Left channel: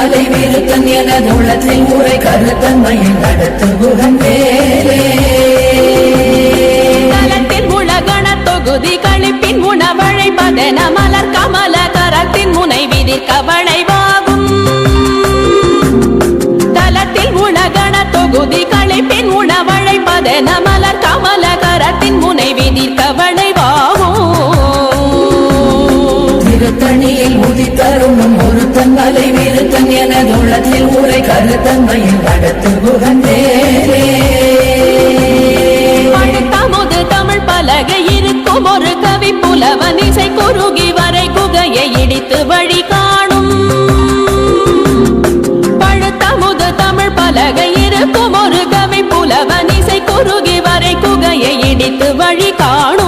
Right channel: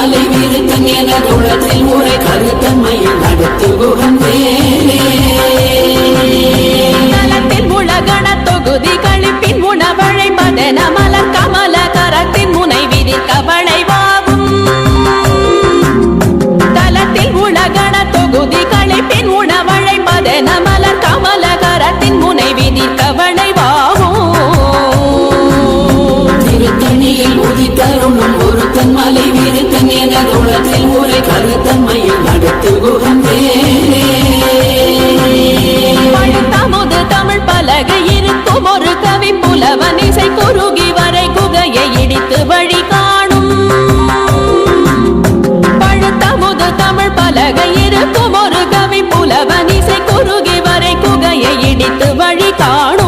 மலை விருத்தன் என உள்ளத்தில் உரை கருத்தன்மையில் நடத்து குகன் வேலே தலத்தில் உலகண தொகுதி கழிப்பின் உணவழைப்பதென மலர் கமல கரத்தின் முனை விதிர்க்க வளைவாகும் தலத்தில் உலகண தொகுதி கழிப்பின் உணவழைப்பதென மலர் கமல கரத்தின் முனை விதிர்க்க வளைவாகும் திருத்தணியில் உதித்தருணும் ஒருத்தன் மலை விருத்தன் என உள்ளத்தில் உரை கருத்தன்மையில் நடத்து குகன் வேலே பழுத்தமுது தமிழ் பலகை இருக்கும் ஒரு கவி புலவன் இசை குறுகி வரை குகையை இடித்து வழி காணும் பழுத்தமுது தமிழ் பலகை இருக்கும் ஒரு கவி புலவன் இசை குறுகி வரை குகையை இடித்து வழி காணும்